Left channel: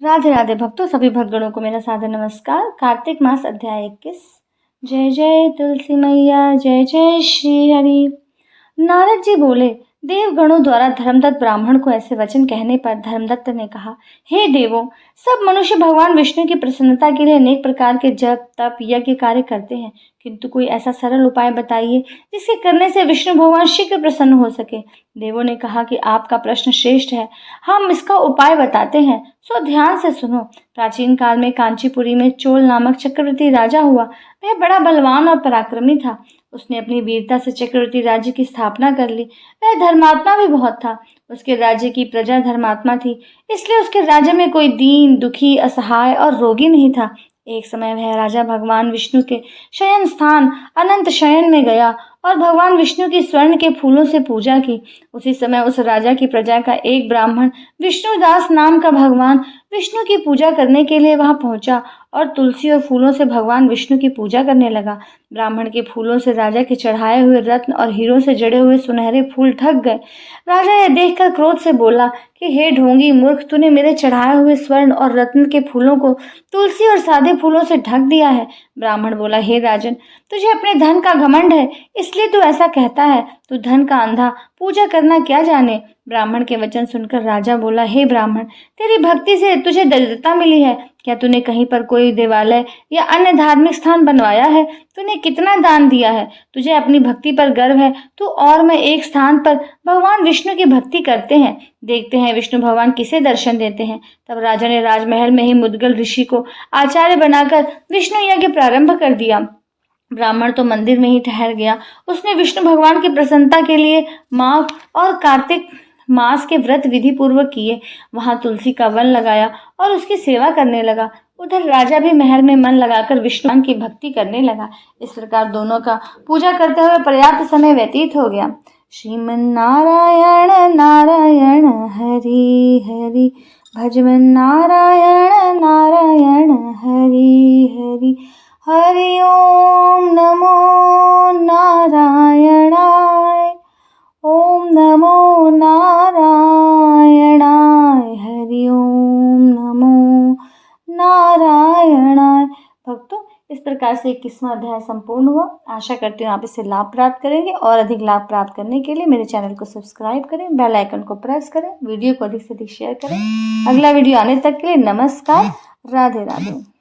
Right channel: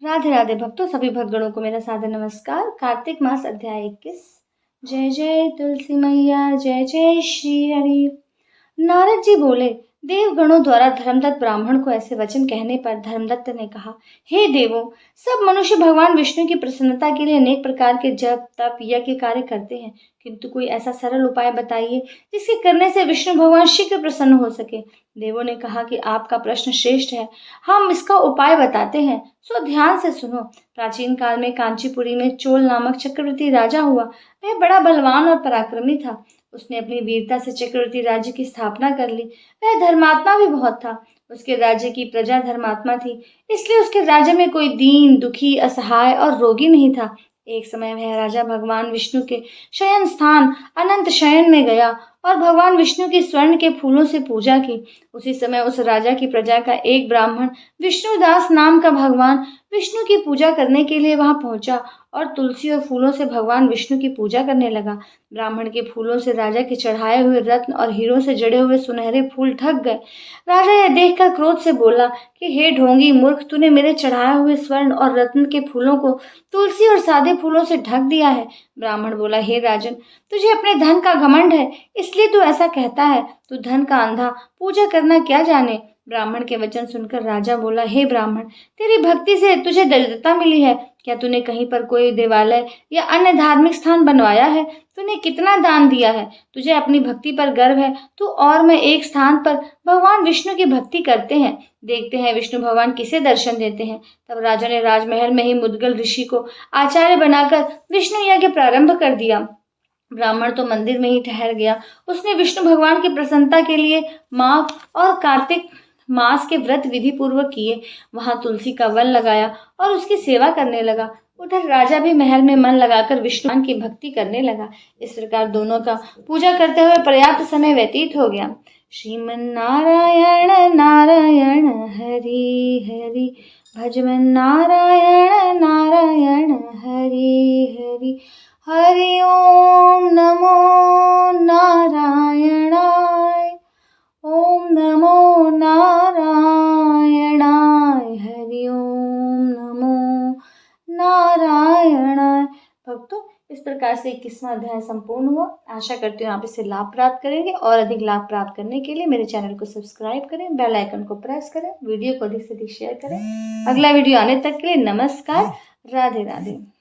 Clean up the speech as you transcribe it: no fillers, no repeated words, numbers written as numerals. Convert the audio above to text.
राधे राधे भक्तों, सभी भक्तगणों को मेरा सादर नमस्कार। कार्तिक मास अध्याय 21। जय जय तुलसी मैया, जय जय श्री हरि। नारद जी बोले, देवगणों द्वारा धर्मदत्त ब्राह्मण को ऐसे वचन कहने पर धर्मदत्त ने कहा, हे देवों, सब मनुष्य भगवान विष्णु की प्रसन्नता के लिए अनेक प्रकार के जप तप यज्ञ कार्य करते हैं, किंतु कोई ऐसा सरल उपाय बताइए जिसके करने से विष्णु भगवान शीघ्र प्रसन्न हो सके। देवों ने कहा कि आपका प्रश्न श्रेष्ठ है, हम इसका उपाय बताते हैं, सो ध्यान से सुनो। प्राचीन काल में कांचीपुरी में चोल नामक चक्रवर्ती राजा हुआ। वह बड़ा बलवान और पराक्रमी था। उसने अपनी वीरता से चक्रवर्ती राज्य की स्थापना कर ली। वह धर्मात्मा भी बहुत था। उसके राज्य की प्रजा धर्मात्मा थी, इसलिए उसके राज्य में कोई दीन दुखी असहाय और रोगी नहीं था। एक समय वह राजा भगवान विष्णु के शयन स्थान अनंत शयन में गया और भगवान विष्णु की स्वर्ण के फूलों से पूजा की। उसी समय उस राजा की प्रजा का एक ब्राह्मण विष्णुदास नाम का भगवान विष्णु की पूजा करने के लिए वहां पहुंचा और तुलसी और फूलों से भगवान विष्णु की पूजा करने लगा। ब्राह्मण के फूलों से राजा के चढ़ाए हुए रत्न और हीरों से जड़े हुए सुनहरे फूल ढक गए। राजा यह देखकर क्रोध से बोला कि हे ढोंगी मूर्ख, तूने मेरे चढ़ाए हुए स्वर्ण और रत्न के फूलों को तुलसी और सादे फूलों से ढक दिया है। ब्राह्मण बोला, हे राजन, तुझे अपने धन का घमंड है, इसलिए तू ऐसा कहता है। तू धन का अंधा, पूजा करना क्या जाने। ब्राह्मण के वचन सुनकर राजा बोला, हे ब्राह्मण, तेरी भक्ति से तुझे दरिद्रता मिली है। क्या तूने कहीं पर कोई देवालय या अन्य धार्मिक स्थान बनवाया है? तूने कितना दान दिया है? तुझे अपनी भक्ति पर गर्व है। तू और मैं एक स्थान पर भगवान विष्णु की भक्ति करते हैं, देखते हैं विष्णु भगवान किसे दर्शन देते हैं। तब राजा ने राजमहल में ही मुद्गल ऋषि को आचार्य बनाकर विष्णु यज्ञ प्रारंभ कर दिया। ब्राह्मण तो मंदिर में ही ठहर गया। उसने विष्णु भगवान की प्रसन्नता के लिए माघ और कार्तिक मास के व्रत विधि पूर्वक किए। वहां तुलसी का वन लगाया और उसकी सेवा करने लगा। उधर राजा भी महल में मन लगाकर विष्णु की भक्ति करने लगा। इस प्रकार दोनों का पूजा करते हुए पर्याप्त समय व्यतीत हो गया। श्रीमन नारायण नारायण हरि हरि, भजमन नारायण नारायण हरि हरि, हरि ओम नमो नारायणाय, ओम नमो नारायणाय, हरि ओम नमो नारायणाय। भक्तों, इस प्रकार से 21वां अध्याय संपूर्ण हुआ। आशा करती हूँ आप इससे लाभ प्राप्त करेंगे और अधिक लाभ प्राप्त करने के लिए मेरे चैनल को सब्सक्राइब करें, बेल आइकन को प्रेस करें, वीडियो को अधिक से अधिक शेयर करें। अगला वीडियो आने तक के लिए नमस्कार, राधे राधे।